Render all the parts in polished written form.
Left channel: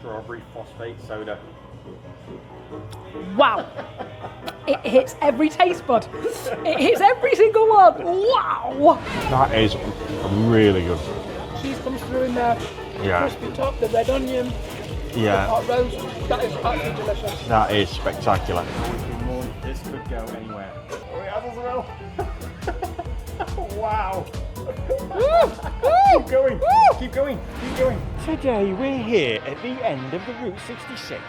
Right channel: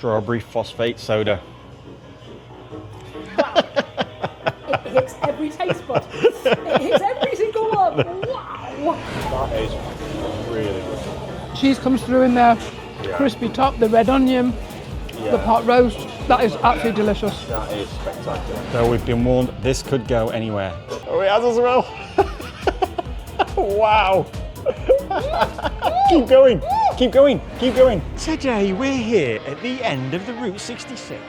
strawberry phosphate soda. Wow. It hits every taste bud. It hits every single one. Wow. That is really good. Cheese comes through in there. Yeah. Crispy top, the red onion, the pot roast. That is absolutely delicious. That is spectacular. So we've been warned this could go anywhere. Oh, it has as well. Wow. Keep going, keep going, keep going. Today we're here at the end of the Route 66.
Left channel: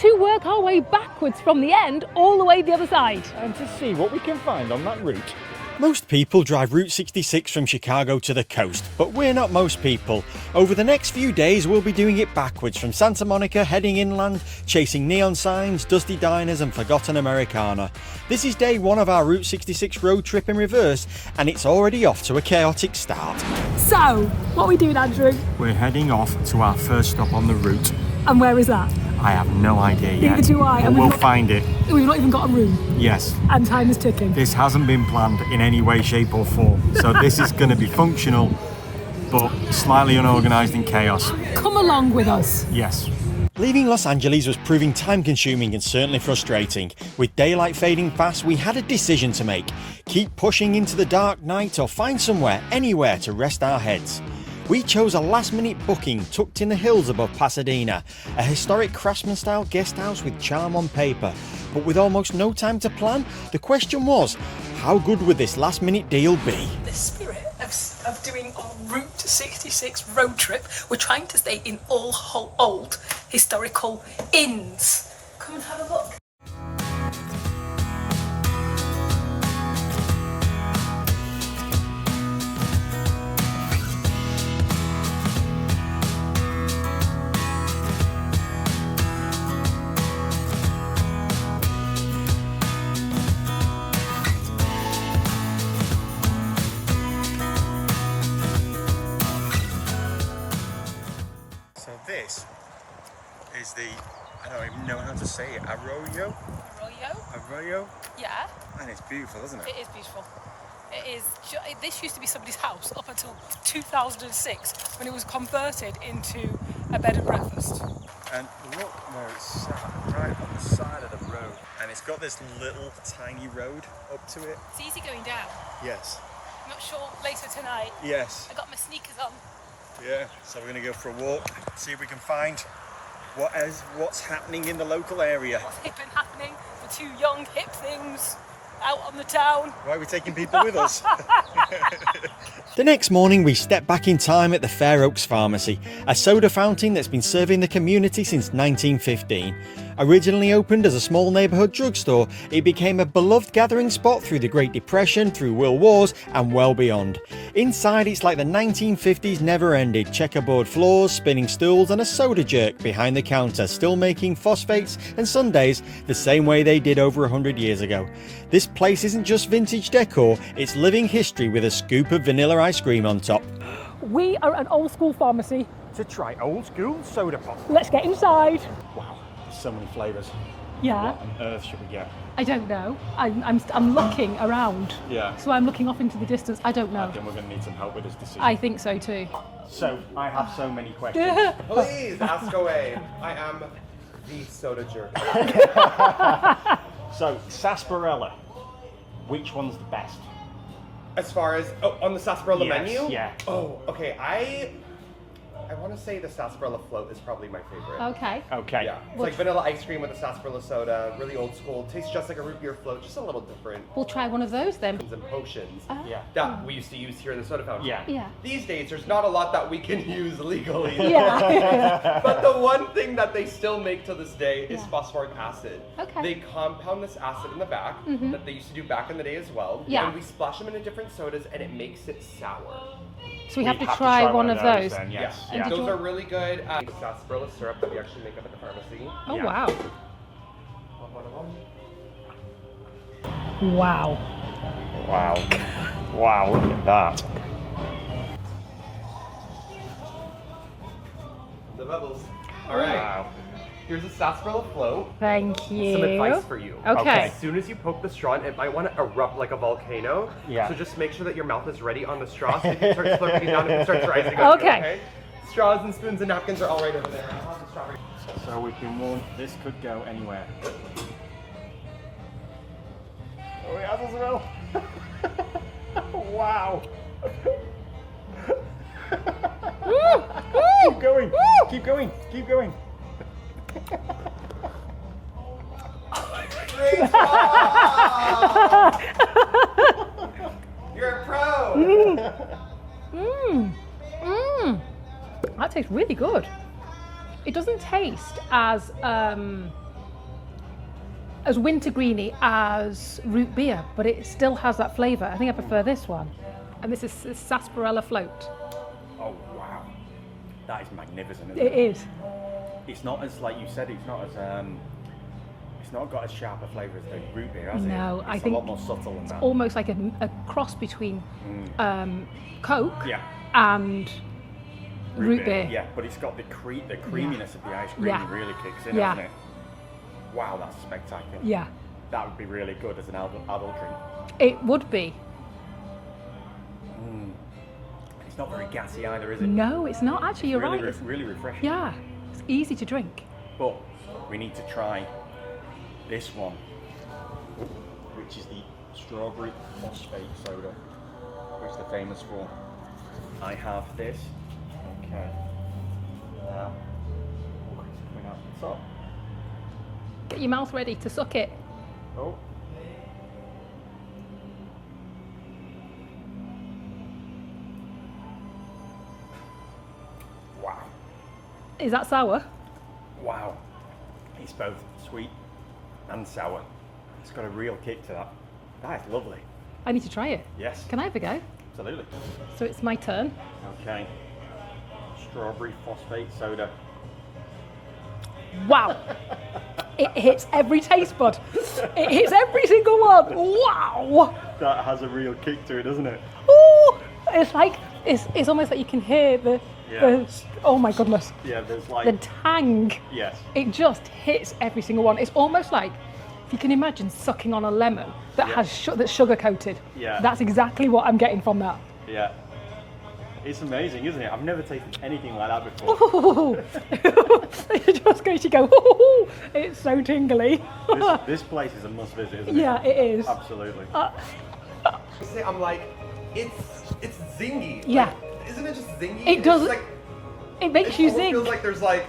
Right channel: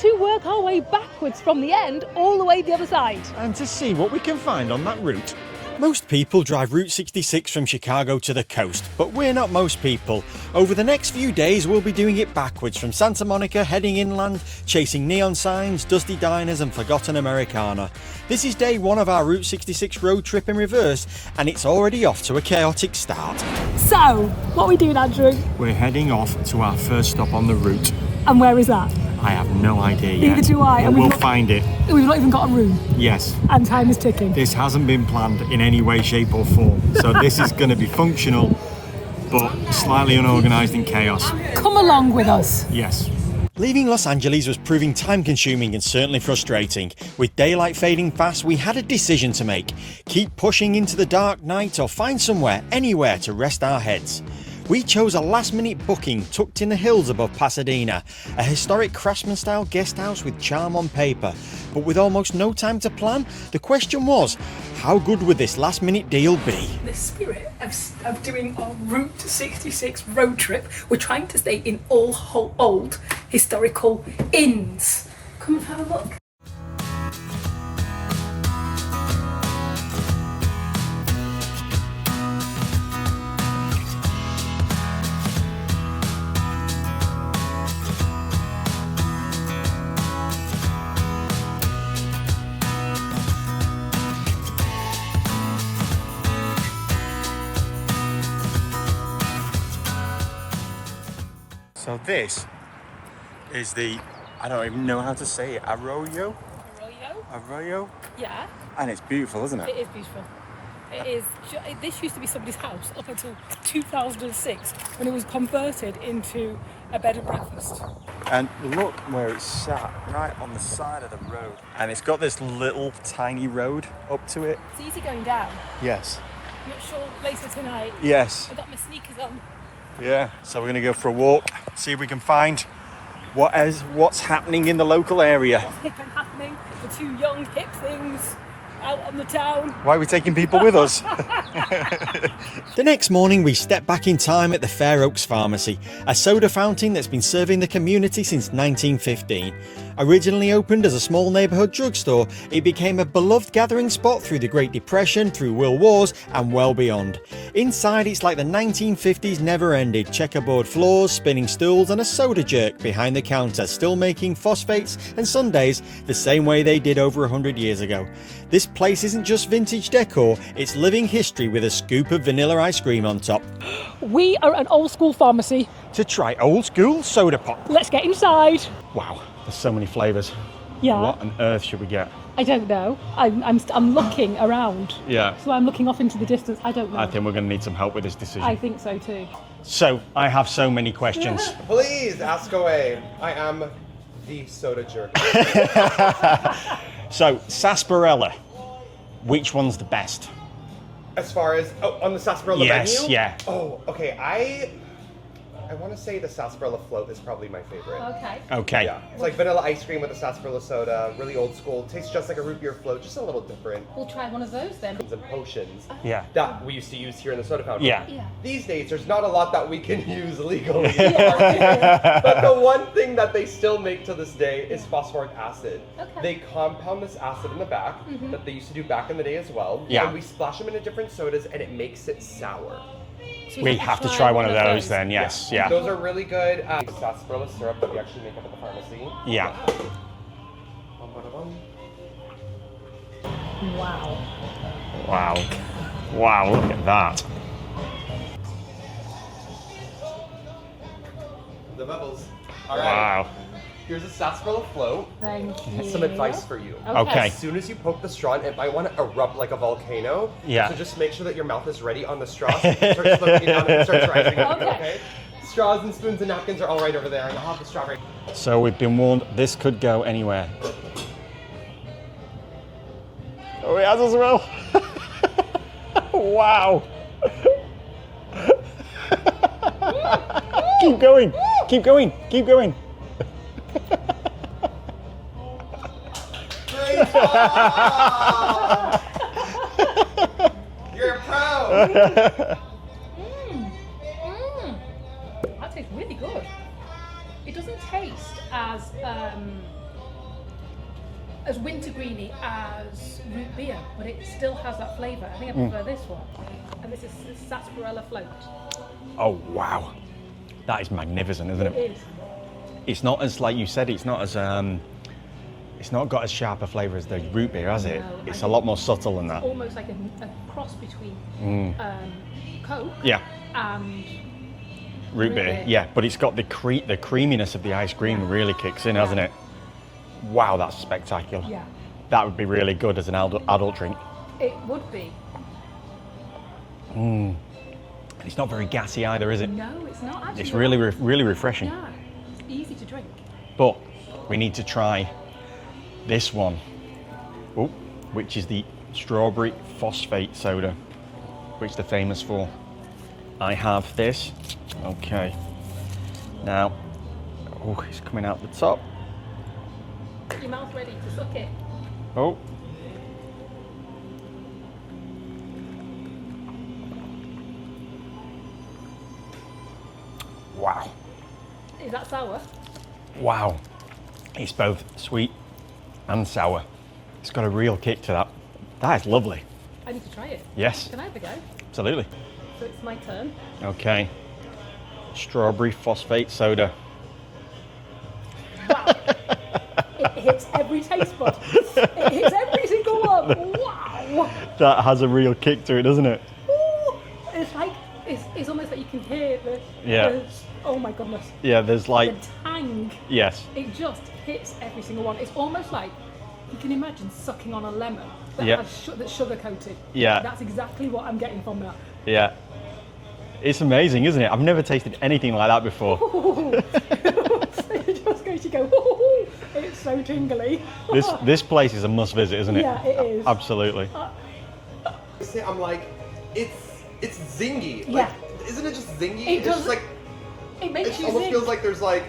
To work our way backwards from the end all the way the other side. And to see what we can find on that route. Most people drive Route 66 from Chicago to the coast, but we're not most people. Over the next few days, we'll be doing it backwards from Santa Monica, heading inland, chasing neon signs, dusty diners and forgotten Americana. This is day one of our Route 66 road trip in reverse, and it's already off to a chaotic start. So, what are we doing, Andrew? We're heading off to our first stop on the route. And where is that? I have no idea yet. Neither do I. But we'll find it. We've not even got a room. Yes. And time is ticking. This hasn't been planned in any way, shape or form. So this is going to be functional, but slightly unorganised and chaos. Come along with us. Yes. Leaving Los Angeles was proving time-consuming and certainly frustrating. With daylight fading fast, we had a decision to make. Keep pushing into the dark night or find somewhere, anywhere to rest our heads. We chose a last-minute booking tucked in the hills above Pasadena, a historic craftsman-style guest house with charm on paper. But with almost no time to plan, the question was, how good would this last-minute deal be? The spirit of doing a Route 66 road trip, we're trying to stay in all old historical inns. Come and have a look. So this is the, I don't even know how to say it, Arroyo? Arroyo? Yeah. And it's beautiful, isn't it? It is beautiful. It is. This used to be somebody's house up until 2006 when it was converted into a bed and breakfast. And look where it's sat, right on the side of the road. And it's got this little tiny road up to it. It's easy going down. Yes. I'm not sure later tonight. Yes. I got my sneakers on. Yeah. So we're gonna go for a walk, see if we can find what's happening in the local area. What's hip and happening for two young hip things out on the town. Why are we taking people with us? The next morning we stepped back in time at the Fairoaks Pharmacy, a soda fountain that's been serving the community since 1915. Originally opened as a small neighbourhood drugstore, it became a beloved gathering spot through the Great Depression, through World Wars and well beyond. Inside it's like the 1950s never ended, checkerboard floors, spinning stools and a soda jerk behind the counter, still making phosphates and sundaes the same way they did over 100 years ago. This place isn't just vintage decor, it's living history with a scoop of vanilla ice cream on top. We are an old school pharmacy. To try old school soda pop. Let's get inside. Wow, there's so many flavours. Yeah. What on earth should we get? I don't know. I'm looking around. Yeah. So I'm looking off into the distance. I don't know. I think we're going to need some help with this decision. I think so too. So, I have so many questions. Please ask away. I am the soda jerk. So, sarsaparilla, which one's the best? As far as on the sarsaparilla Yes, menu? yeah. Oh, okay. I want to say the sarsaparilla float is probably my favorite. Okay. Okay. Yeah, it's like vanilla ice cream with a sarsaparilla soda, really old school. Tastes just like a root beer float, just a little different. We'll try one of those then. And potions Yeah. that we used to use here in the soda fountain. Yeah. Yeah. These days, there's not a lot that we can use legally. Yeah. But the one thing that they still make to this day is phosphoric acid. Okay. They compound this acid in the back that they used to do back in the day as well. Yeah. And we splash them into different sodas and it makes it sour. So We have to try one of those then, yes. Yeah. Those are really good. Sarsaparilla syrup that we actually make up at the pharmacy. Yeah. Wow. One. Wow. Wow. Wow, look at that. The bubbles. All right. Wow. Here's a sarsaparilla float. Thank you. And some advice for you. Okay. As soon as you poke the straw, it might want to erupt like a volcano. Yeah. So just make sure that your mouth is ready on the straw so you can start slurping it down and it starts rising up. Okay. Straws and spoons and napkins are all right over there, and I'll have the strawberry. So we've been warned this could go anywhere. Oh, it has as well. Wow. Keep going, keep going, keep going. Great job! You're a pro! That tastes really good. It doesn't taste as wintergreeny as root beer, but it still has that flavour. I think I prefer this one. And this is sarsaparilla float. Oh, wow. That is magnificent, isn't it? It is. It's not as, like you said, it's not as, it's not got as sharp a flavour as the root beer, has it? No, It's a lot more subtle than that. Almost like a cross between Coke Yeah, and root beer. Yeah, but it's got the creaminess of the ice cream Yeah. really kicks in, Yeah. hasn't it? Wow, that's spectacular. Yeah, That would be really good as an adult drink. it would be. It's not very gassy either, is it? No, it's not actually. It's you're really, right. really refreshing. Yeah, it's easy to drink. But we need to try this one, which is the strawberry phosphate soda, which they're famous for. I have this. Okay. Now, it's coming out the top. Get your mouth ready to suck it. Oh. Wow. Is that sour? Wow. It's both sweet and sour. It's got a real kick to that. That is lovely. I need to try it. Yes, Can I have a go? absolutely. So it's my turn. Okay. Strawberry phosphate soda. Wow. It hits every taste bud. It hits every single one. Wow. That has a real kick to it, doesn't it? Ooh. It's like, it's almost like you can hear Yeah. oh my goodness. Yeah, there's The like, tang. yes. It just hits every single one. It's almost like, if you can imagine sucking on a lemon that Yeah. has that's sugar coated. Yeah. That's exactly what I'm getting from that. Yeah. It's amazing, isn't it? I've never tasted anything like that before. It's just going to go, ooh, it's so tingly. This place is a must visit, isn't it? Yeah, it is. Absolutely. I'm like, it's zingy. Yeah. Like, isn't it just zingy? It It's does. just like, It makes it you almost think. feels like there's like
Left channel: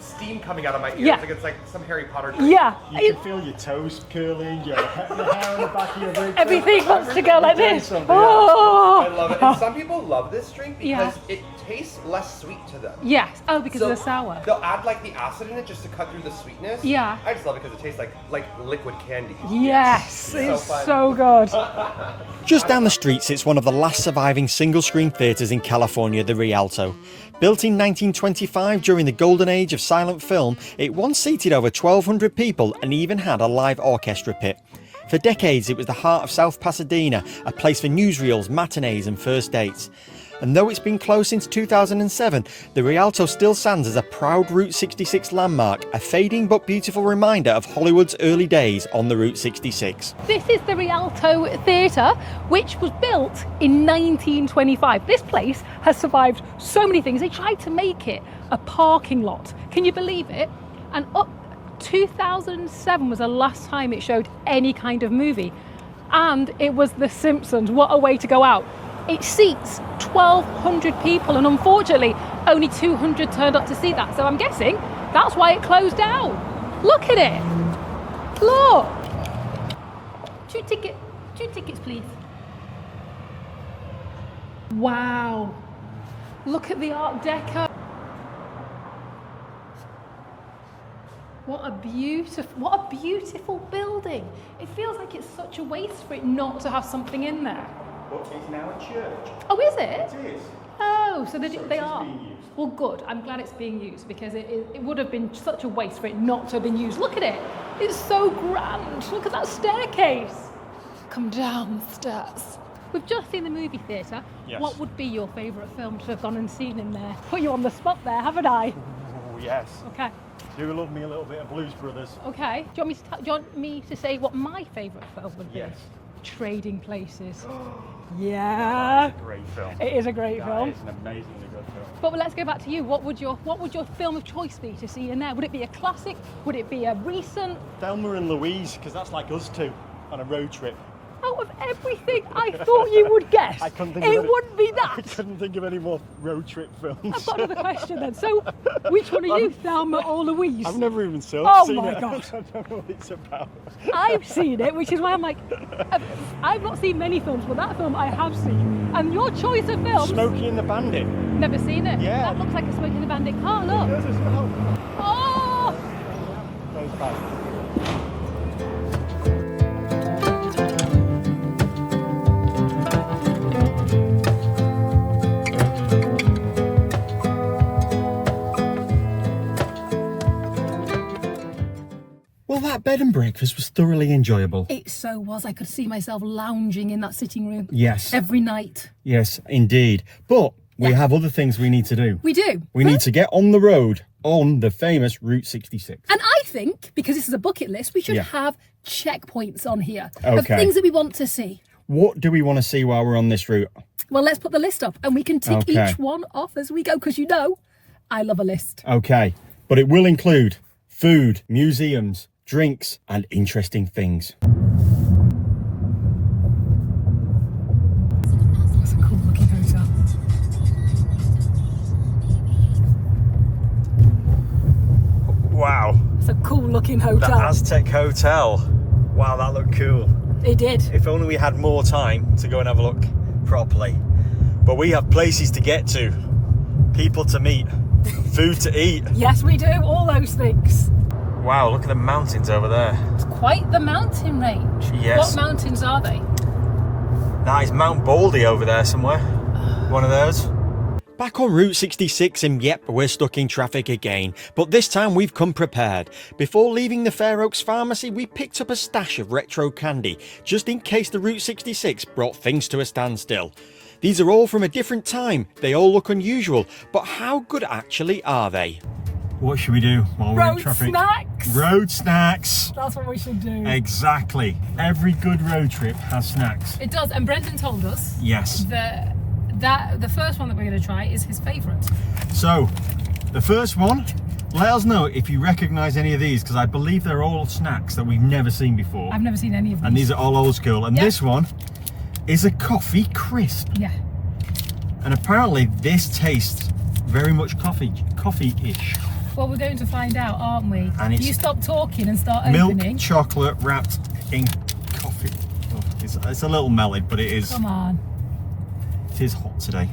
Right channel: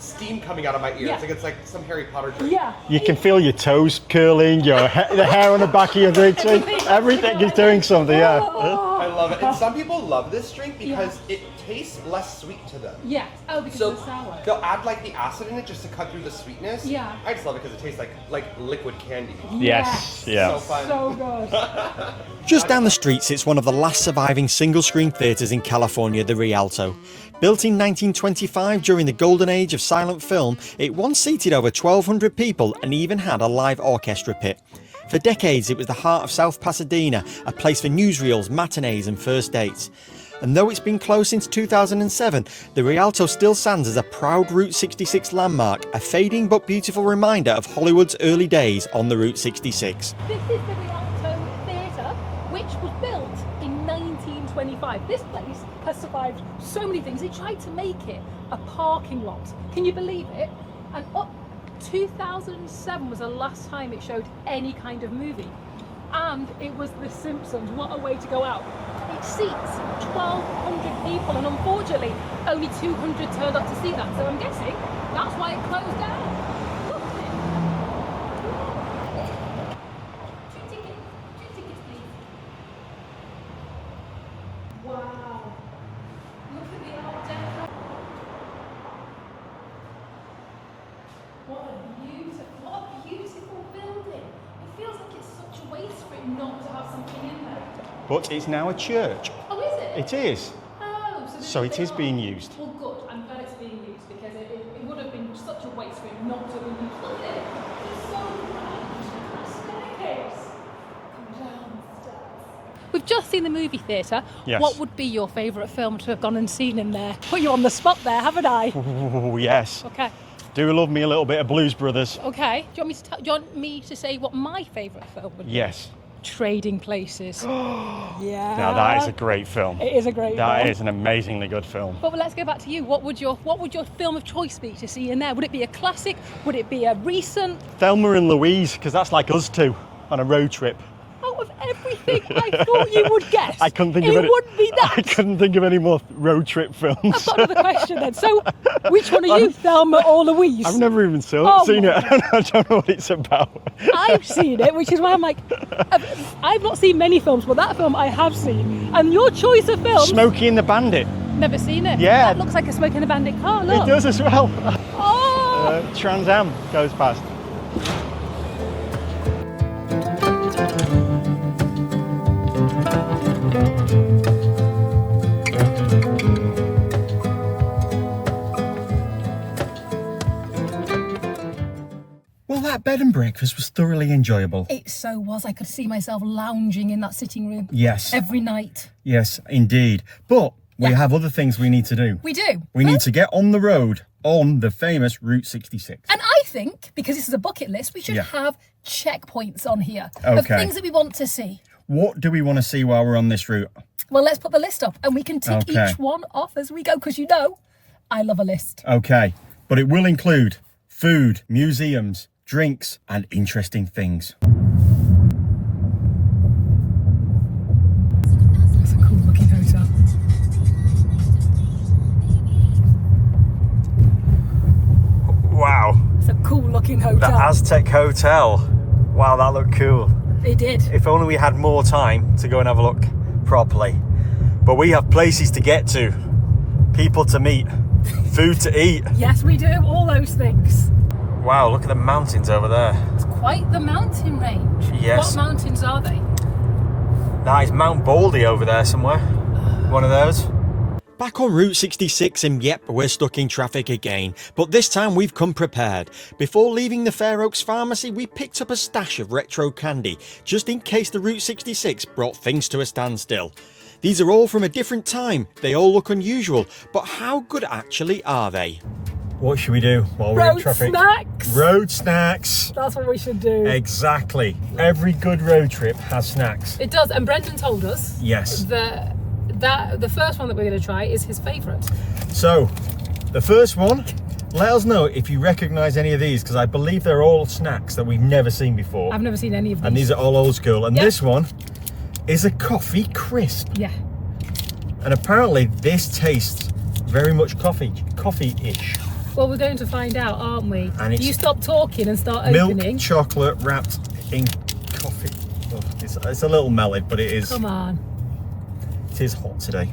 steam coming out of my ears. Yeah. Like it's like some Harry Potter drink. Yeah. You can feel your toes curling, the hair on the back of your legs. Everything wants to Everything go is like doing this. something, Oh. I love it. And some people love this drink because it tastes less sweet to them. Yes. Oh, because of the sour. They'll add like the acid in it just to cut through the sweetness. Yeah. I just love it because it tastes like liquid candy. Yes. Yeah. It's So fun. so good. Just down the street sits one of the last surviving single-screen theatres in California, the Rialto. Built in 1925 during the golden age of silent film, it once seated over 1,200 people and even had a live orchestra pit. For decades, it was the heart of South Pasadena, a place for newsreels, matinees and first dates. And though it's been closed since 2007, the Rialto still stands as a proud Route 66 landmark, a fading but beautiful reminder of Hollywood's early days on the Route 66. This is the Rialto Theatre, which was built in 1925. This place has survived so many things. They tried to make it a parking lot. Can you believe it? And up 2007 was the last time it showed any kind of movie. And it was The Simpsons. What a way to go out. It seats 1,200 people, and unfortunately, only 200 turned up to see that. So I'm guessing that's why it closed down. Look at it. Look. Two tickets, please. Wow. Look at the Art Deco. What a beautiful building. It feels like it's such a waste for it not to have something in there. But it's now a church. Oh, is it? It is. Oh, so It is being used. Well, good. I'm glad it's being used because it would have been such a waste for it not to have been used. Look at it. It's so grand. Look at that staircase. Come down the stairs. We've just seen the movie theatre. Yes. What would be your favourite film to have gone and seen in there? Put you on the spot there, haven't I? Oh, yes. Okay. Do love me a little bit of Blues Brothers. Okay. Do you want me to say what my favourite film would be? Yes. Trading Places. Yeah. Now that is a great film. It is a great film. That is an amazingly good film. Well, let's go back to you. What would your film of choice be to see in there? Would it be a classic? Would it be a recent? Thelma and Louise, because that's like us two on a road trip. Out of everything I thought you would guess, I couldn't think of any. wouldn't be that. I couldn't think of any more road trip films. I've got another question then. So, which one are you, Thelma or Louise? I've never even seen my it. I don't know what it's about. I've seen it, which is why I'm like, I've not seen many films, but that film I have seen. And your choice of film. Smokey and the Bandit. Never seen it. Yeah. That looks like a Smokey and the Bandit car. Look. It does as well. Oh. Trans Am goes past. Well, that bed and breakfast was thoroughly enjoyable. It so was. I could see myself lounging in that sitting room. Yes. Every night. Yes, indeed. But we have other things we need to do. We do. We need to get on the road on the famous Route 66. And I think, because this is a bucket list, we should Yeah. have checkpoints on here of Okay. things that we want to see. What do we want to see while we're on this route? Well, let's put the list up and we can tick Okay. each one off as we go, because you know, I love a list. Okay, but it will include food, museums, drinks, and interesting things. It's a cool looking hotel. Wow. It's a cool looking The hotel. Aztec Hotel. Wow, that looked cool. It did. If only we had more time to go and have a look properly. But we have places to get to, people to meet, food to eat. Yes, we do. All those things. Wow, look at the mountains over there. It's quite the mountain range. Yes. What mountains are they? That is Mount Baldy over there somewhere. One of those. Back on Route 66 and yep, we're stuck in traffic again, but this time we've come prepared. Before leaving the Fairoaks Pharmacy, we picked up a stash of retro candy, just in case the Route 66 brought things to a standstill. These are all from a different time, they all look unusual, but how good actually are they? What should we do while we're in Road traffic? snacks. Road snacks! That's what we should do. Exactly. Every good road trip has snacks. It does, and Brendan told us Yes. the first one that we're going to try is his favourite. So, the first one, let us know if you recognise any of these, because I believe they're all snacks that we've never seen before. I've never seen any of these. And these are all old school. And Yep. this one is a coffee crisp. Yeah. And apparently this tastes very much coffee-ish. Well, we're going to find out, aren't we? And it's you stop talking and start Milk opening. chocolate wrapped in coffee. Oh, it's a little melted, but it is. Come on. It is hot today.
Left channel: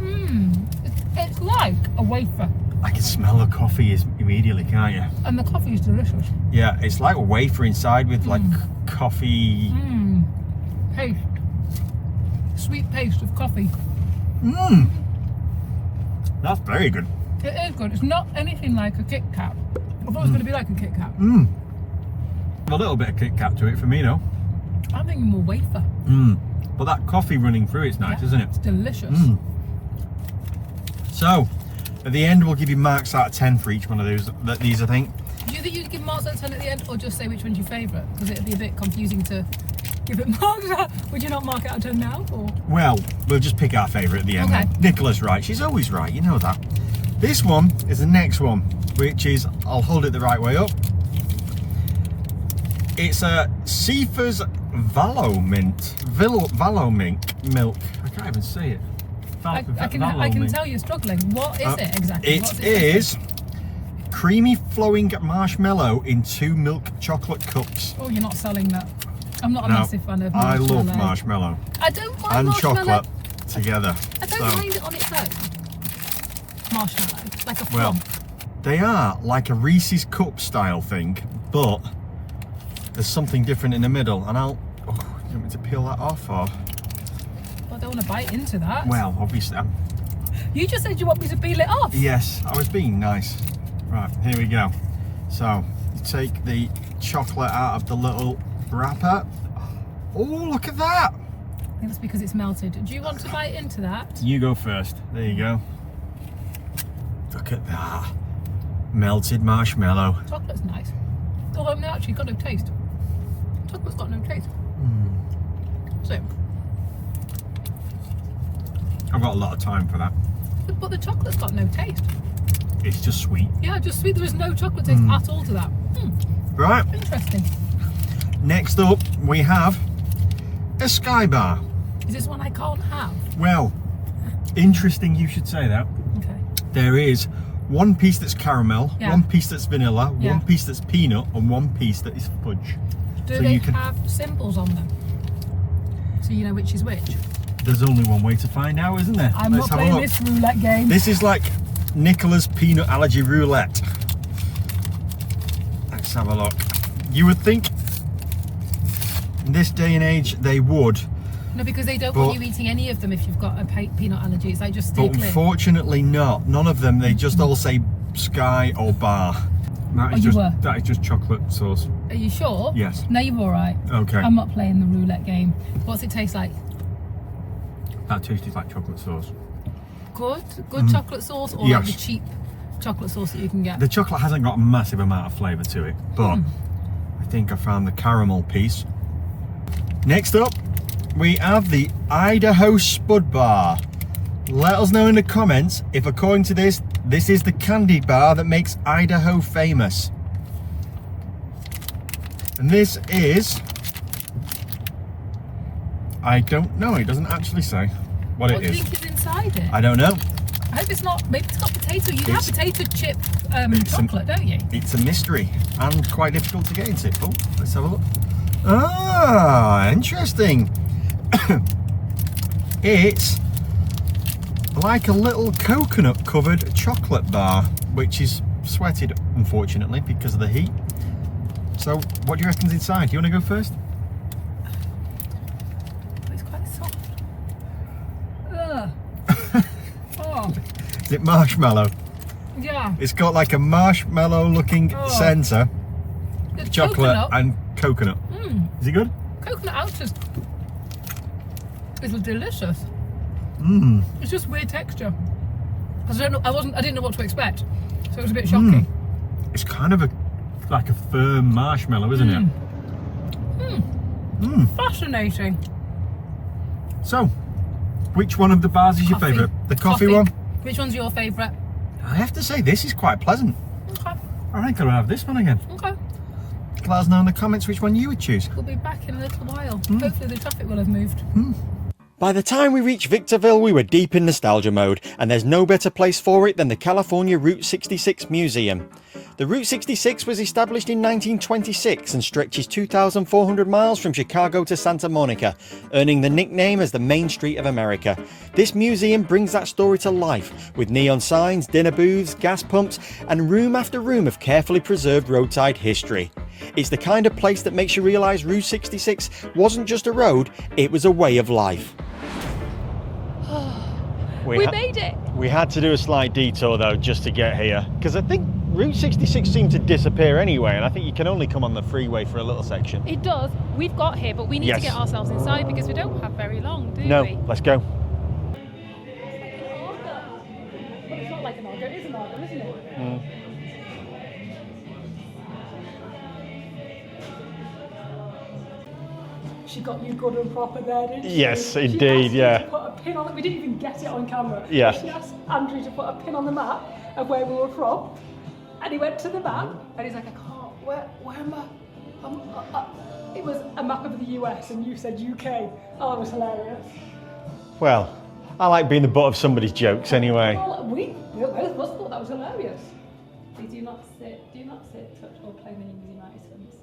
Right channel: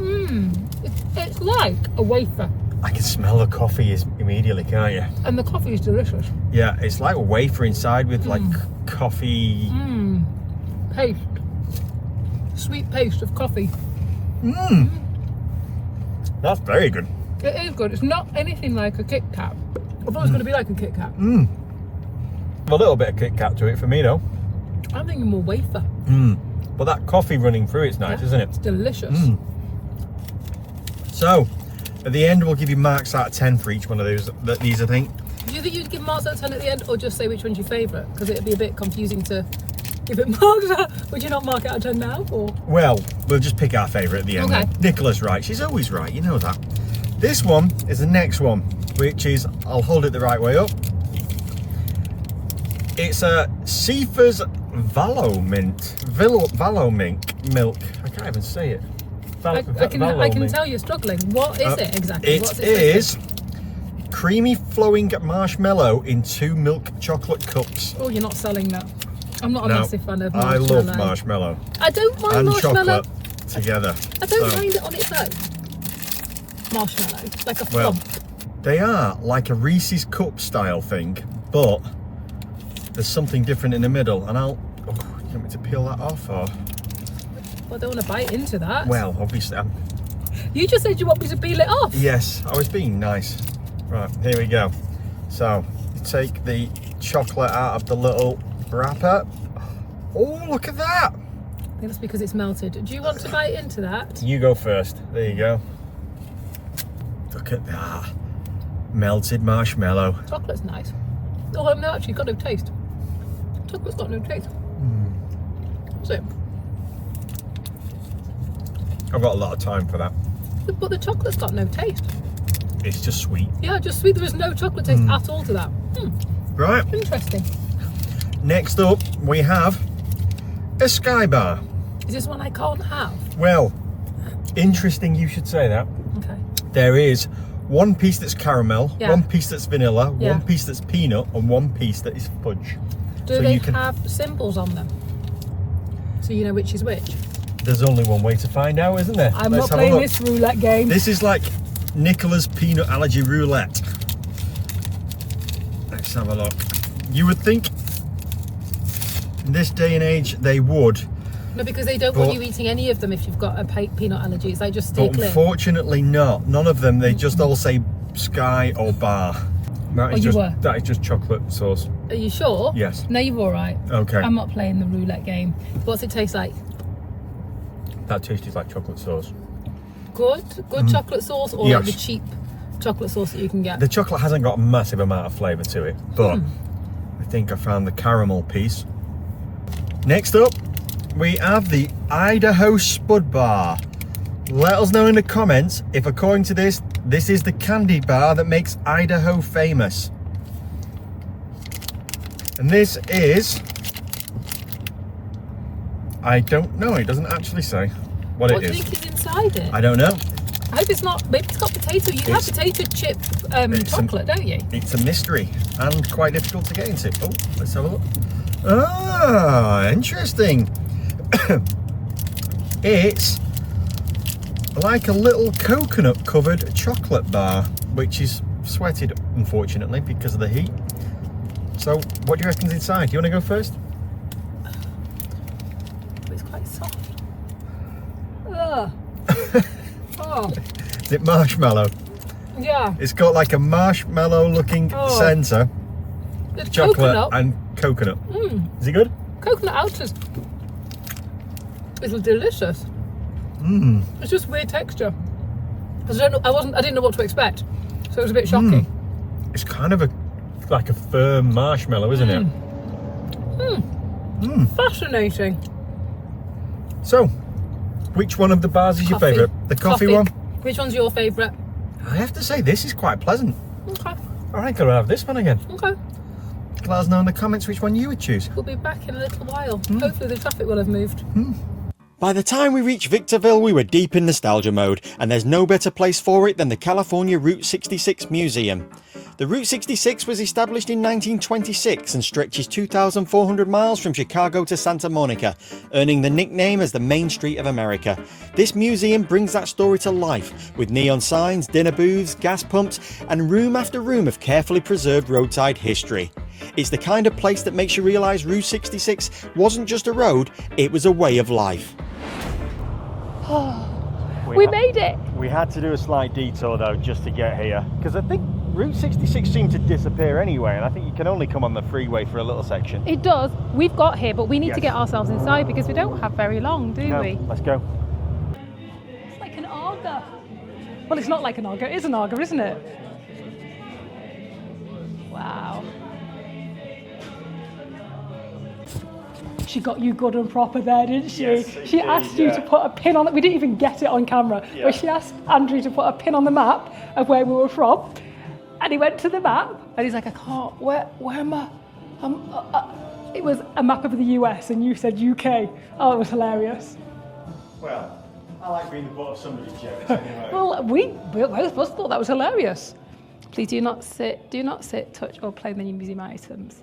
It's like a wafer. I can smell the coffee immediately, can't you? And the coffee is delicious. Yeah, it's like a wafer inside with like coffee. Paste. Sweet paste of coffee. That's very good. It is good. It's not anything like a Kit Kat. I thought it was going to be like a Kit Kat. A little bit of Kit Kat to it for me though. I'm thinking more wafer. But that coffee running through it's nice, isn't it? It's delicious. So, at the end we'll give you marks out of 10 for each one of these I think. Do you think you'd give marks out of 10 at the end, or just say which one's your favourite? Because it'd be a bit confusing to give it marks out. Would you not mark it out of 10 now? Or? Well, we'll just pick our favourite at the end. Okay. Nicola's right, she's always right, you know that. This one is the next one, which is, I'll hold it the right way up. It's a Cephas Valomink milk. I can't even say it. I can tell you're struggling. What is it exactly? It What's is creamy flowing marshmallow in 2 milk chocolate cups. Oh, you're not selling that. I'm not a No, massive fan of I marshmallow. love marshmallow I don't mind and marshmallow. chocolate together. I don't So, mind it on its own. Marshmallow, like a well, flump. they are like a Reese's cup style thing, but there's something different in the middle. And you want me to peel that off or? I don't want to bite into that. Well, obviously, You just said you want me to peel it off. yes, I was being nice. Right, here we go. So, you take the chocolate out of the little wrapper. Oh, look at that. I think that's because it's melted. Do you want to bite into that? You go first. There you go. Look at that. Melted marshmallow. Chocolate's nice. Although no, actually, got no taste. Chocolate's got no taste. So, I've got a lot of time for that. but the chocolate's got no taste. It's just sweet. Yeah, just sweet. There was no chocolate taste at all to that. Right, Interesting. next up we have a Sky Bar. Is this one I can't have? Well, interesting you should say that. Okay. There is one piece that's caramel, Yeah. one piece that's vanilla, Yeah. one piece that's peanut, and one piece that is fudge. Do So they you can- have symbols on them? So you know which is which? There's only one way to find out, isn't there? I'm Let's not have a playing look. this roulette game. This is like Nicola's peanut allergy roulette. Let's have a look. You would think in this day and age they would, No, because they don't But- want you eating any of them if you've got a peanut allergy. It's like just stay but clear. unfortunately not. None of them, they just all say Sky or Bar. That Oh, is you just were? that is just chocolate sauce. Are you sure? Yes. No, you're all right. Okay. I'm not playing the roulette game. What's it taste like? That tastes like chocolate sauce. Good? Good chocolate sauce or like Yes. the cheap chocolate sauce that you can get? The chocolate hasn't got a massive amount of flavour to it, but I think I found the caramel piece. Next up, we have the Idaho Spud Bar. Let us know in the comments if, according to this, this is the candy bar that makes Idaho famous. And this is... I don't know, it doesn't actually say what What it do you is. think is inside it? I don't know. I hope it's not. Maybe it's got potato. You have It's- potato chip it's chocolate, don't you? It's a mystery and quite difficult to get into. Oh, let's have a look. Ah, interesting. It's like a little coconut covered chocolate bar, which is sweated, unfortunately, because of the heat. So, what do you reckon's inside? Do you want to go first? It's quite soft. Ugh. Oh, Is it marshmallow? yeah. It's got like a marshmallow looking Oh. centre, It's chocolate coconut. and coconut. Is it good? Coconut outer is delicious. It's just weird texture. Because I didn't know what to expect, so it was a bit shocking. It's kind of like a firm marshmallow, isn't it? Fascinating. So, which one of the bars is your Coffee. favourite? The coffee one? Which one's your favourite? I have to say, this is quite pleasant. Okay. I think I'll have this one again. Okay. Let us know in the comments which one you would choose. We'll be back in a little while. Hopefully the traffic will have moved. By the time we reached Victorville, we were deep in nostalgia mode, and there's no better place for it than the California Route 66 Museum. The Route 66 was established in 1926 and stretches 2,400 miles from Chicago to Santa Monica, earning the nickname as the Main Street of America. This museum brings that story to life, with neon signs, dinner booths, gas pumps, and room after room of carefully preserved roadside history. It's the kind of place that makes you realise Route 66 wasn't just a road, it was a way of life. We made it. We had to do a slight detour though just to get here, because I think Route 66 seemed to disappear anyway, and I think you can only come on the freeway for a little section. It does. We've got here, but we need to Yes. get ourselves inside because we don't have very long, do we? Let's go. It's like an Arga. Well, it's not like an Arga. It is an Arga, isn't it? Wow. She got you good and proper there, didn't she? Yes, She indeed, asked you yeah. to put a pin on it. We didn't even get it on camera. Yeah. But she asked Andrew to put a pin on the map of where we were from. And he went to the map and he's like, I can't, where am I? It was a map of the US and you said UK. Oh, it was hilarious. Well, I like being the butt of somebody's jokes anyway. Well, we both of us thought that was hilarious. Please do not sit, touch, or play many museum items.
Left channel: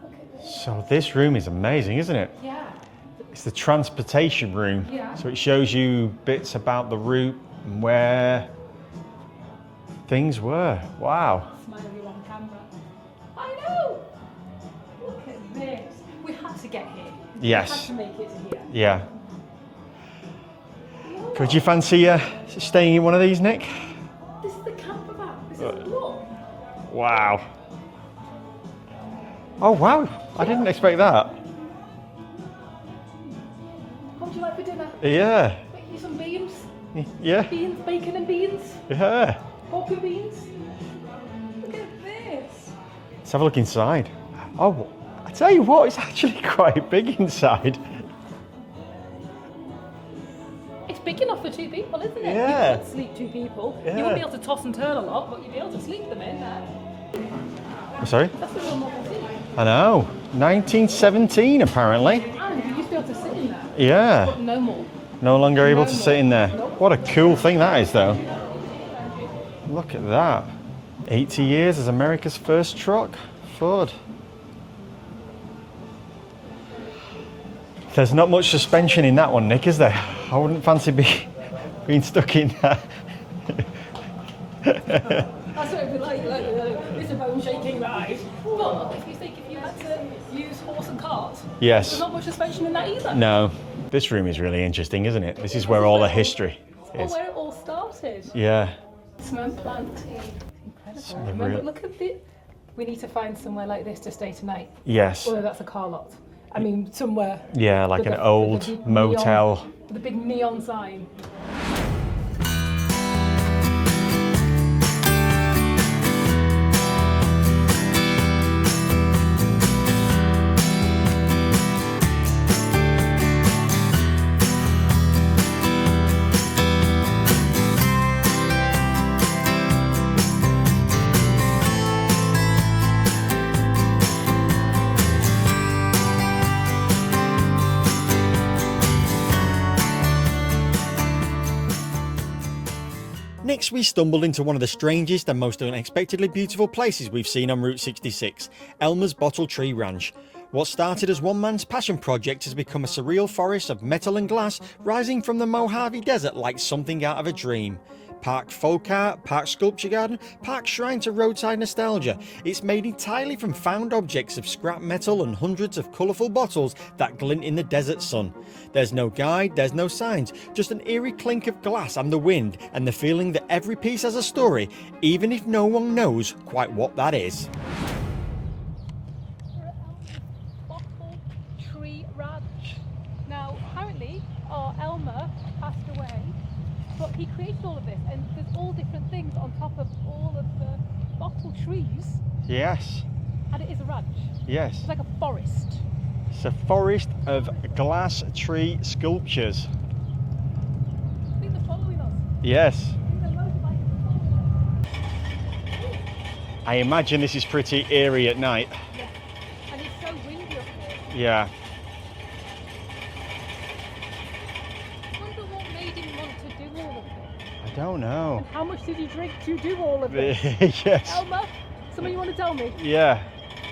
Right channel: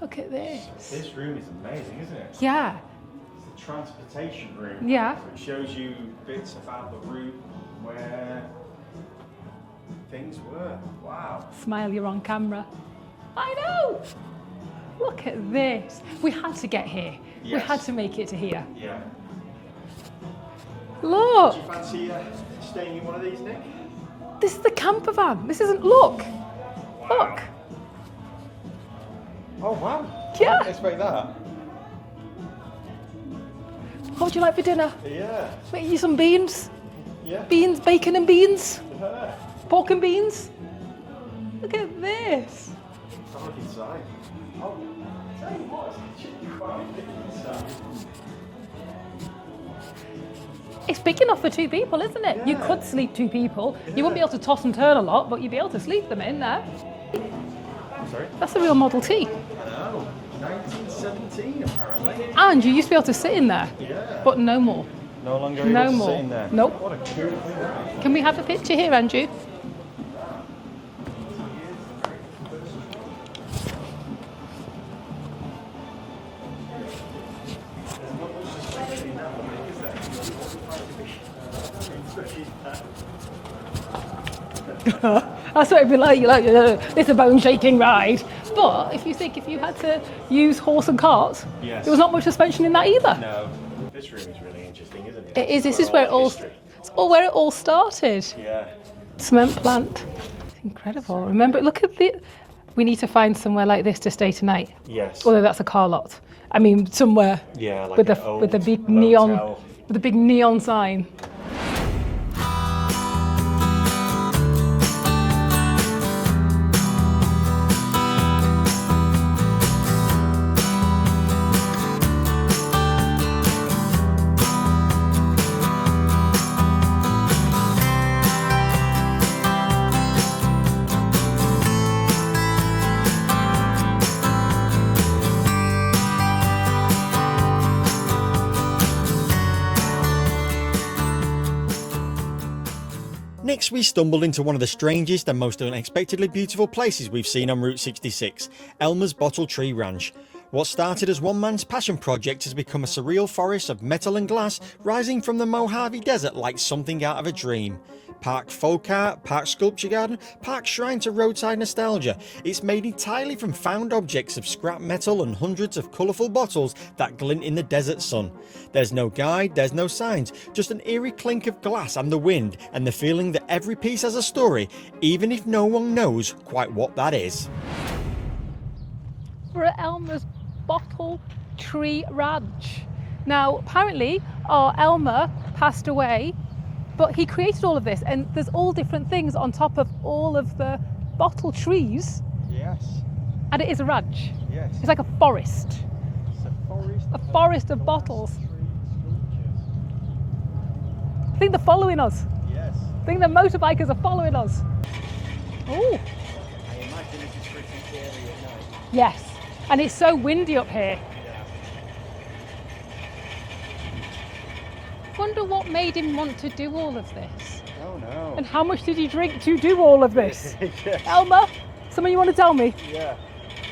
Look at this. So this room is amazing, isn't it? Yeah. It's the transportation room. Yeah. So it shows you bits about the route and where things were. Wow. Smile, you're on camera. I know! Look at this. We had to get here. Yes. We had to make it to here. Yeah. Look! Would you fancy staying in one of these, Nick? This is the camper van. This isn't, look. Wow. Look. Oh, wow. I Yeah. didn't expect that. What would you like for dinner? Yeah. Make you some beans? Yeah. Beans, bacon and beans? Yeah. Pork and beans? Look at this. Let's have a look inside. Oh, I Tell you what, it's actually quite big inside. It's big enough for 2 people, isn't it? Yeah. You could sleep 2 people. Yeah. You won't be able to toss and turn a lot, but you'd be able to sleep them in there. Sorry? That's a real Model T. I know. 1917 apparently. And you used to be able to sit in there, Yeah. but no more. No longer able No to more. sit in there. Nope. What a cool thing that is, though. Can we have a picture here, Andrew? Look at that. 80 years as America's first truck. Ford. There's not much suspension in that one, Nick, is there? I wouldn't fancy being stuck in there. That's what it'd be like, it's a bone-shaking ride. But if you had to use horse and cart, Yes. there was not much suspension in that either. No. This room is really interesting, isn't it? It This is. is where all the history It's all where it all started. Yeah. Cement plant. It's incredible. Certainly Remember, brilliant. look at we need to find somewhere like this to stay tonight. Yes. Although that's a car lot. I mean, somewhere Yeah, like with an old with the big motel. neon, with a big neon sign. Next, we stumbled into one of the strangest and most unexpectedly beautiful places we've seen on Route 66, Elmer's Bottle Tree Ranch. What started as one man's passion project has become a surreal forest of metal and glass rising from the Mojave Desert like something out of a dream. Parked folk art, parked sculpture garden, parked shrine to roadside nostalgia. It's made entirely from found objects of scrap metal and hundreds of colourful bottles that glint in the desert sun. There's no guide, there's no signs, just an eerie clink of glass and the wind, and the feeling that every piece has a story, even if no one knows quite what that is. We're at Elmer's Bottle Tree Ranch. Now, apparently, our Elmer passed away, but he created all of this, and there's all different things on top of all of the bottle trees, Yes. and it is a ranch. Yes. It's like a forest. It's a forest, A forest of glass bottles. tree sculptures. I think they're following us. Yes. I think the motorbikers are following us. Oh, I imagine this is pretty eerie at night. yes. And it's so windy up here. Yeah. Wonder what made him want to do all of this. I don't know. And how much did he drink to do all of this? Yes. Elmer, something you want to tell me? Yeah.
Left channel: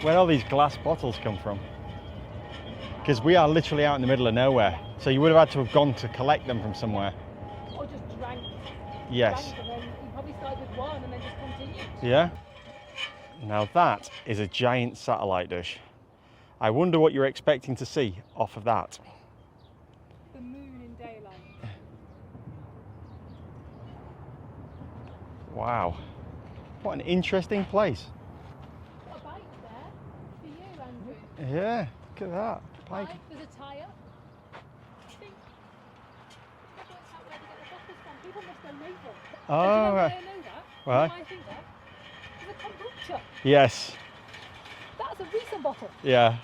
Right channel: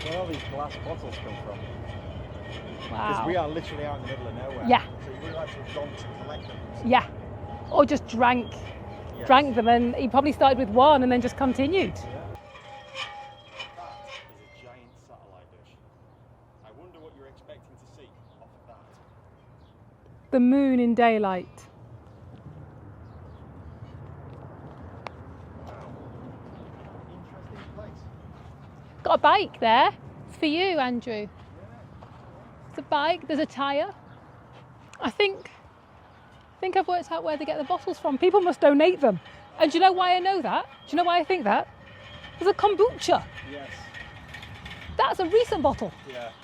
Where all these glass bottles come from? Because we are literally out in the middle of nowhere. Yeah. So you would have had to have gone to collect them from somewhere. Or just drank Yes. them, and he probably started with one and then just continued. Yeah. Now that is a giant satellite dish. I wonder what you're expecting to see off of that. The moon in daylight. Wow. What an interesting place. Got a bike there. It's for you, Andrew. Yeah, look at that. It's a bike. There's a tyre. I think I've worked out where they get the bottles from. People must donate them. And do you know why I know that? Do you know why I think that? There's a kombucha. Yes. That's a recent bottle. Yeah.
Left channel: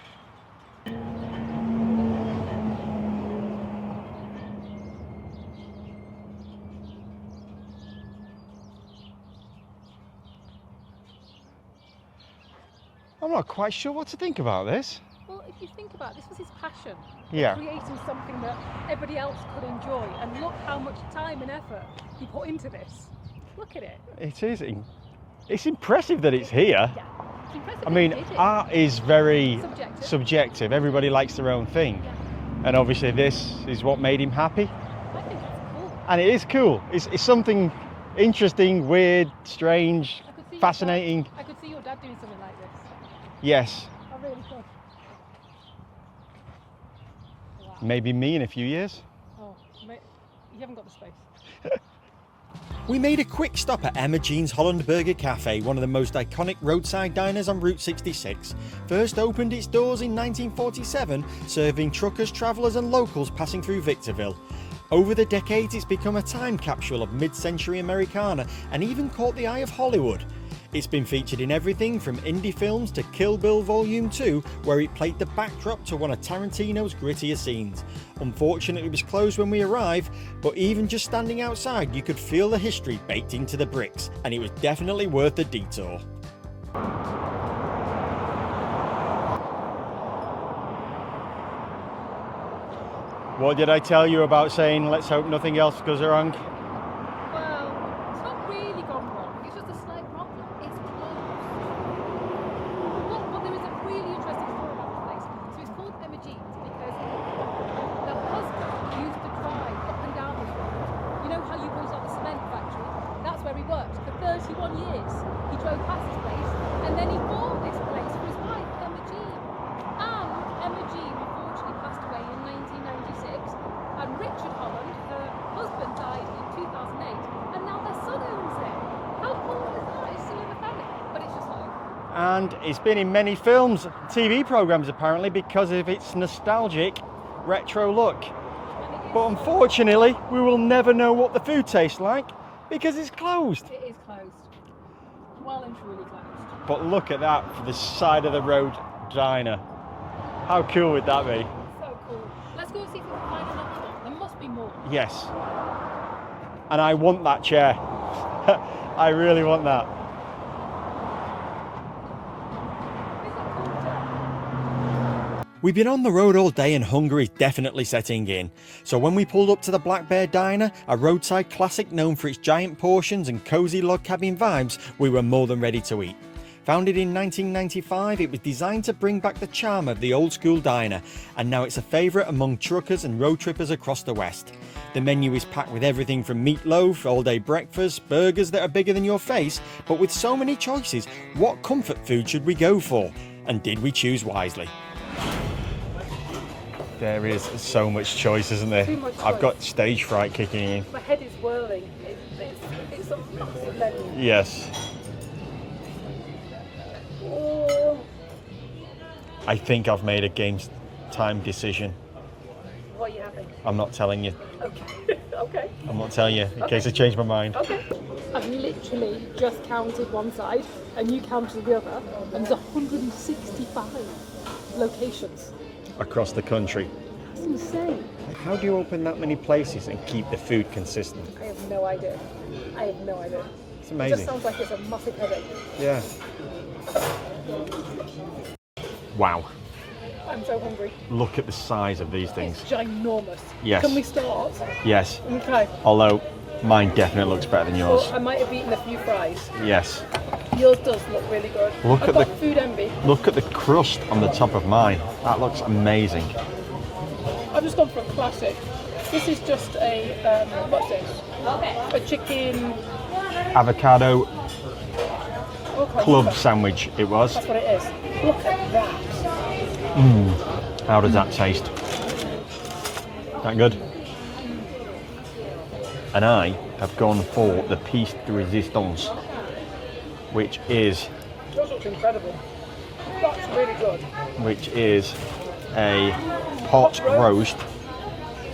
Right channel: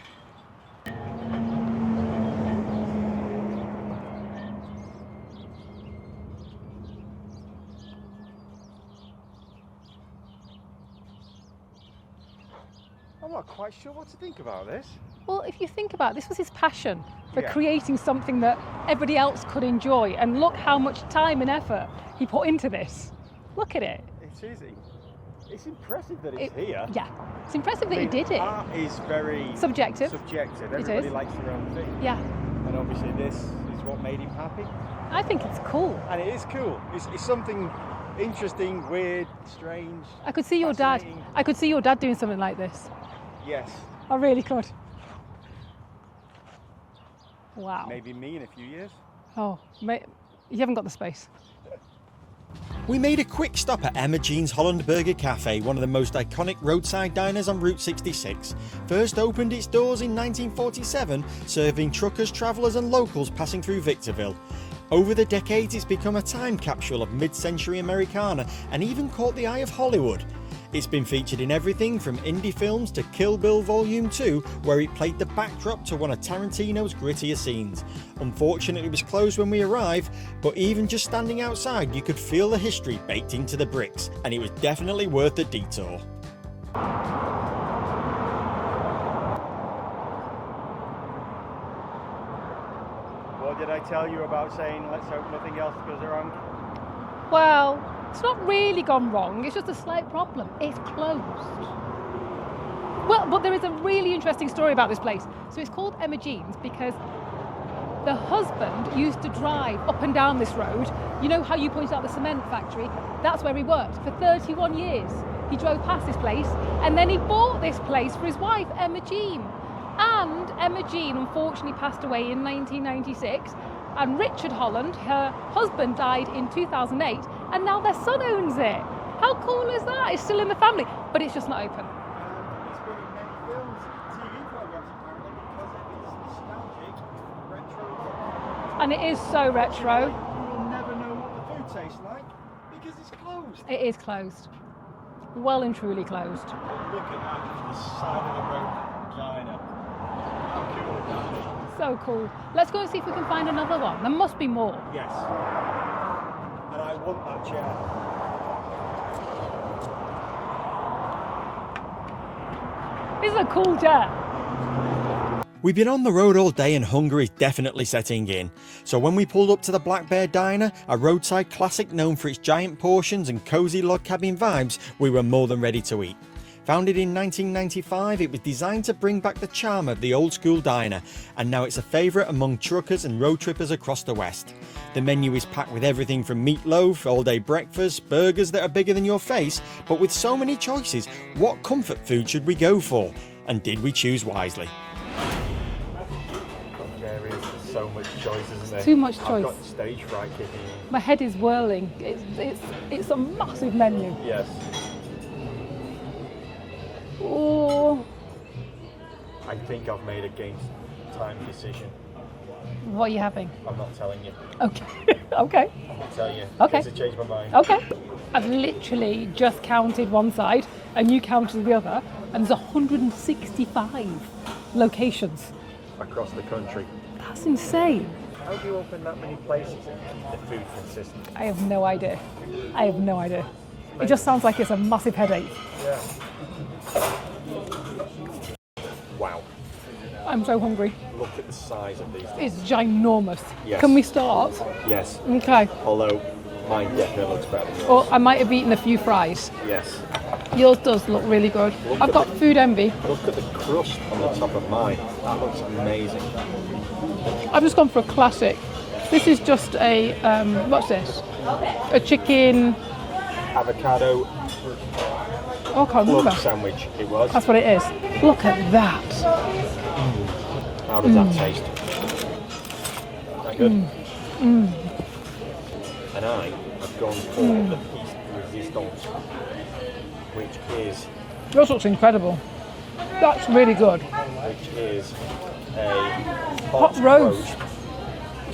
I'm not quite sure what to think about this. Well, if you think about it, this was his passion for Yeah. creating something that everybody else could enjoy. And look how much time and effort he put into this. Look at it. It is. It's impressive that it's here. Yeah. It's impressive I that mean, he did it. art is very Subjective. subjective. Everybody is. likes their own thing. Yeah. And obviously this is what made him happy. I think it's cool. And it is cool. It's something interesting, weird, strange, I could see fascinating. your dad. I could see your dad doing something like this. Yes. I really could. Wow. Maybe me in a few years. Oh, you haven't got the space. We made a quick stop at Emma Jean's Holland Burger Cafe, one of the most iconic roadside diners on Route 66. First opened its doors in 1947, serving truckers, travellers and locals passing through Victorville. Over the decades, it's become a time capsule of mid-century Americana and even caught the eye of Hollywood. It's been featured in everything from indie films to Kill Bill Volume 2, where it played the backdrop to one of Tarantino's grittier scenes. Unfortunately, it was closed when we arrived, but even just standing outside, you could feel the history baked into the bricks, and it was definitely worth the detour. What did I tell you about saying let's hope nothing else goes wrong? Well, it's not really gone wrong, it's just a slight problem. It's closed. Well, but there is a really interesting story about this place. So it's called Emma Jean's because the husband used to drive up and down this road. You know how you pointed out the cement factory? That's where he worked for 31 years. He drove past this place and then he bought this place for his wife, Emma Jean. And Emma Jean unfortunately passed away in 1996, and Richard Holland, her husband, died in 2008, and now their son owns it. How cool is that? It's still in the family, but it's just not open. And it's been in many films, TV programmes apparently, because of its nostalgic retro look. And it is But so unfortunately, retro. we will never know what the food tastes like because it's closed. It is closed. Well and truly closed. But look at that for the side of the road diner. How cool would that be? So cool. Let's go and see if we can find another one. There must be more. Yes. And I want that chair. I really want that. It's a cool chair. We've been on the road all day and hunger is definitely setting in. So when we pulled up to the Black Bear Diner, a roadside classic known for its giant portions and cosy log cabin vibes, we were more than ready to eat. Founded in 1995, it was designed to bring back the charm of the old school diner, and now it's a favourite among truckers and road trippers across the West. The menu is packed with everything from meatloaf, all-day breakfast, burgers that are bigger than your face, but with so many choices, what comfort food should we go for? And did we choose wisely? There is so much choice, isn't there? Too much choice. I've got stage fright kicking in. My head is whirling. It's a massive menu. Yes. Oh, I think I've made a game time decision. what are you having? I'm not telling you. Okay. Okay. I'm not telling you in Okay. case I change my mind. Okay. I've literally just counted one side and you counted the other, and there's 165 locations. Across the country. That's insane. How do you open that many places and keep the food consistent? I have no idea. I have no idea. It's It amazing. just sounds like it's a massive headache. Yeah. Wow. I'm so hungry. Look at the size of these things. It's ginormous. Yes. Can we start? Yes. Okay. Although mine definitely looks better than yours. Well, I might have eaten a few fries. Yes. Yours does look really good. Look I've at got the- food envy. Look at the crust on the top of mine. That looks amazing. I've just gone for a classic. This is just a, what's this? A chicken, Avocado oh, I can't club remember. sandwich it was. That's what it is. Look at that. How does that taste? That good? And I have gone for the piece de resistance, which is Yours looks incredible. That's really good. a hot Hot roast. roast.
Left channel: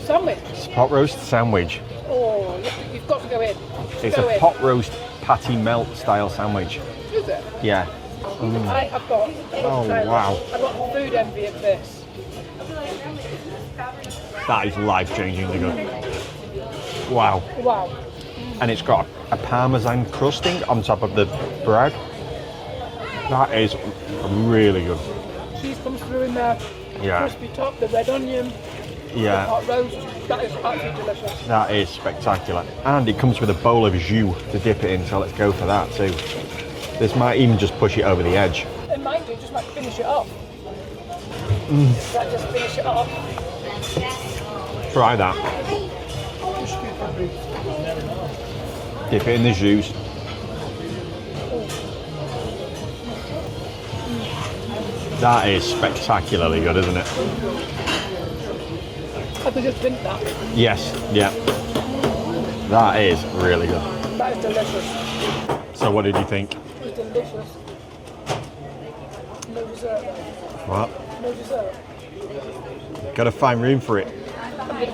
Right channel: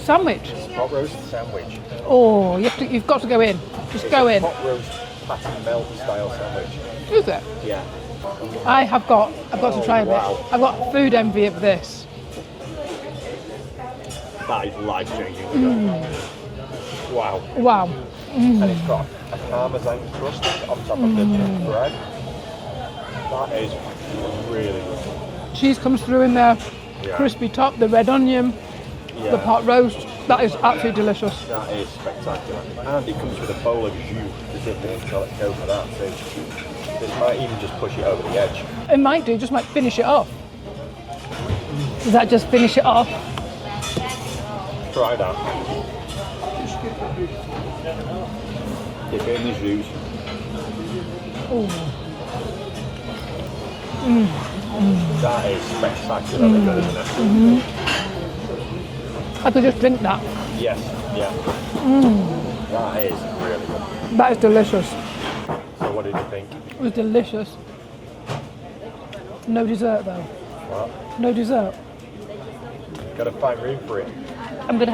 Sandwich. Hot roast sandwich. Oh, you've got to go in. Just It's go a in. hot roast patty melt style sandwich. Is it? Yeah. I've got Oh, to try wow. this. I've got food envy of this. That is life changing. Wow. Wow. And it's got a parmesan crusting on top of the bread. That is really good. Cheese comes through in there. Yeah. Crispy top, the red onion, the Yeah. hot roast. That is absolutely delicious. That is spectacular. And it comes with a bowl of jus to dip it in, so let's go for that too. This might even just push it over the edge. It might do, just might finish it off. Does that just finish it off? Try that. Dip it in the jus. That is spectacularly good, isn't it? I could just drink that. Yes, yeah. That is really good. That is delicious. So what did you think? It was delicious. No dessert though. What? No dessert. Gotta find room for it. I'm gonna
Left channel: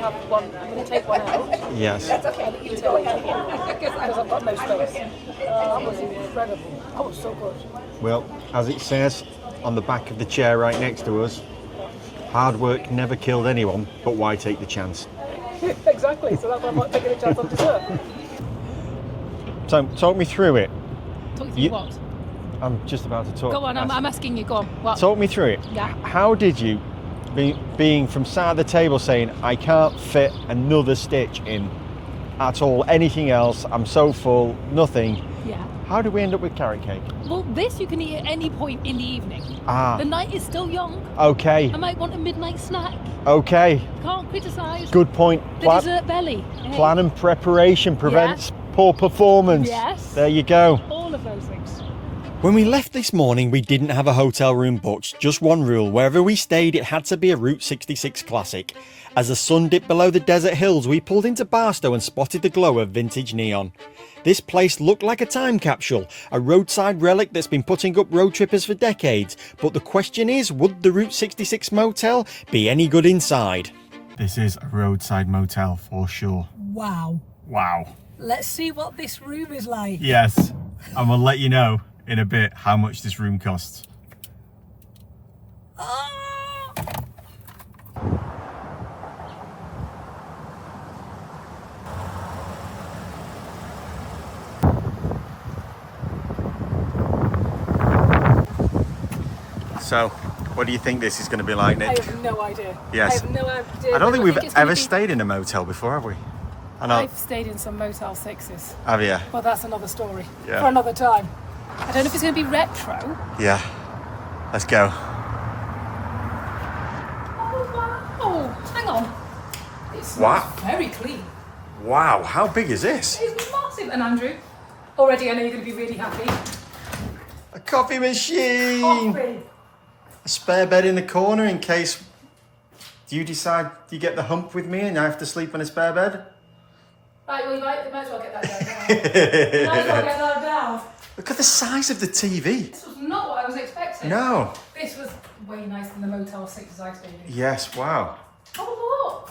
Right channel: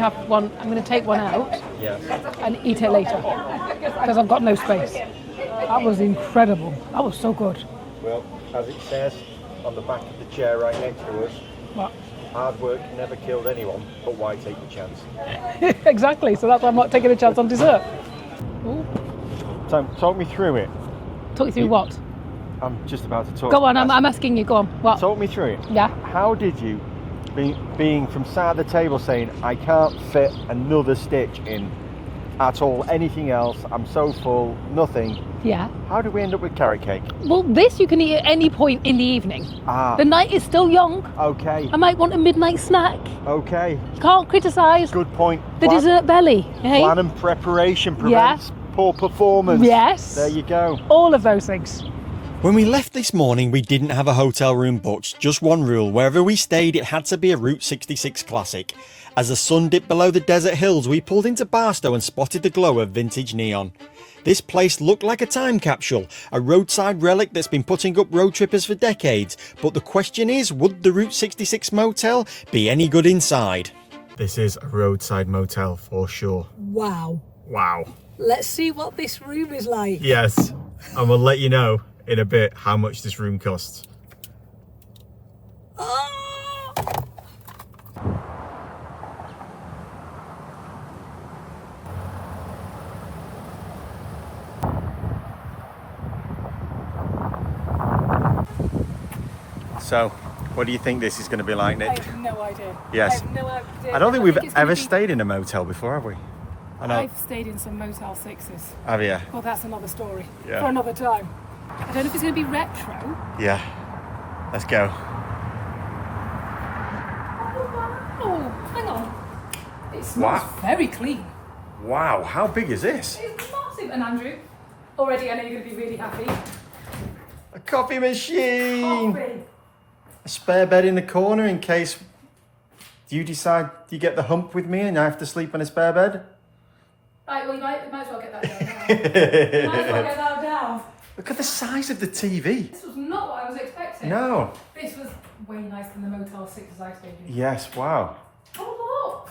have one. I'm gonna take one out Yes. and eat it later because I've got no space. That was incredible. That was so good. Well, as it says on the back of the chair right next to us, What? hard work never killed anyone, but why take the chance? Exactly, so that's why I'm not taking a chance on dessert. So, talk me through it. Talk you through what? I'm just about to talk. Go on, I'm asking you, go on. What? Talk me through it. Yeah. How did you, being from side of the table saying, I can't fit another stitch in at all, anything else, I'm so full, nothing. Yeah. How did we end up with carrot cake? Well, this you can eat at any point in the evening. Ah. The night is still young. Okay. I might want a midnight snack. Okay. Can't criticise Good point. the dessert belly. Hey? Plan and preparation prevents poor performance. Yes. There you go. All of those things. When we left this morning, we didn't have a hotel room booked. Just one rule: wherever we stayed, it had to be a Route 66 classic. As the sun dipped below the desert hills, we pulled into Barstow and spotted the glow of vintage neon. This place looked like a time capsule, a roadside relic that's been putting up road trippers for decades. But the question is, would the Route 66 motel be any good inside? This is a roadside motel for sure. Wow. Wow. Let's see what this room is like. Yes. And we'll let you know in a bit how much this room costs. Oh! So, what do you think this is going to be like, I Nick? have no idea. Yes. I have no idea. I don't think we've it's gonna ever be- stayed in a motel before, have we? I know. I've stayed in some Motel 6s, Have you? but that's another story Yeah. for another time. I don't know if it's going to be retro. Yeah. Let's go. Oh, hang on. It smells Wow. very clean. Wow, how big is this? It's massive. And Andrew, already I know you're going to be really happy. A coffee machine! Coffee. A spare bed in the corner in case you decide you get the hump with me and I have to sleep on a spare bed. Right, well, you might as well get that down. You might as well get that down. Look at the size of the TV. This was not what I was expecting. No. This was way nicer than the Motel 6s I stayed in. Yes, wow. Oh, look.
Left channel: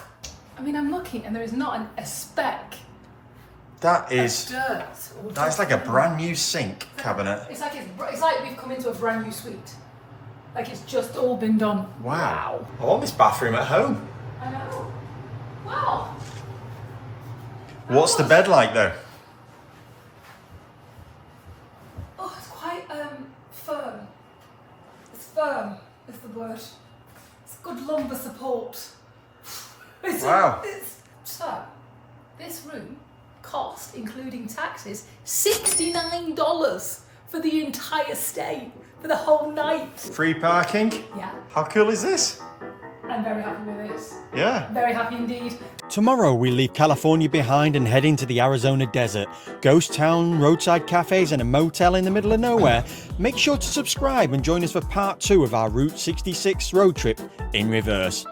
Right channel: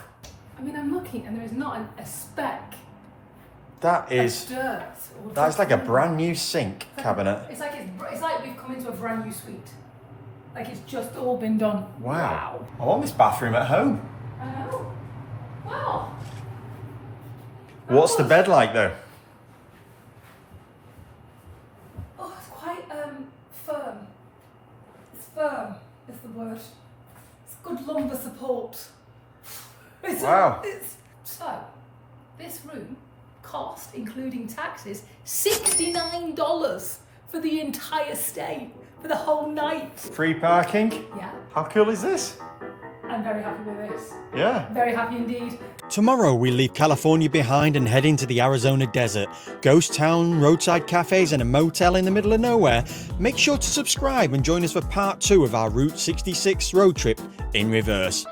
I mean, I'm looking and there is not a speck That of is, dirt. Or that's like a dust. brand new sink cabinet. It's like we've come into a brand new suite. Like it's just all been done. Wow. I want this bathroom at home. I know. Wow. What's the bed like though? Oh, it's quite firm. It's firm is the word. It's good lumbar support. Wow. So, this room cost, including taxes, $69 for the entire stay, for the whole night. Free parking? Yeah, How cool is this? I'm very happy with this. Yeah. Very happy indeed. Tomorrow we leave California behind and head into the Arizona desert. Ghost town, roadside cafes and a motel in the middle of nowhere. Make sure to subscribe and join us for part 2 of our Route 66 road trip in reverse.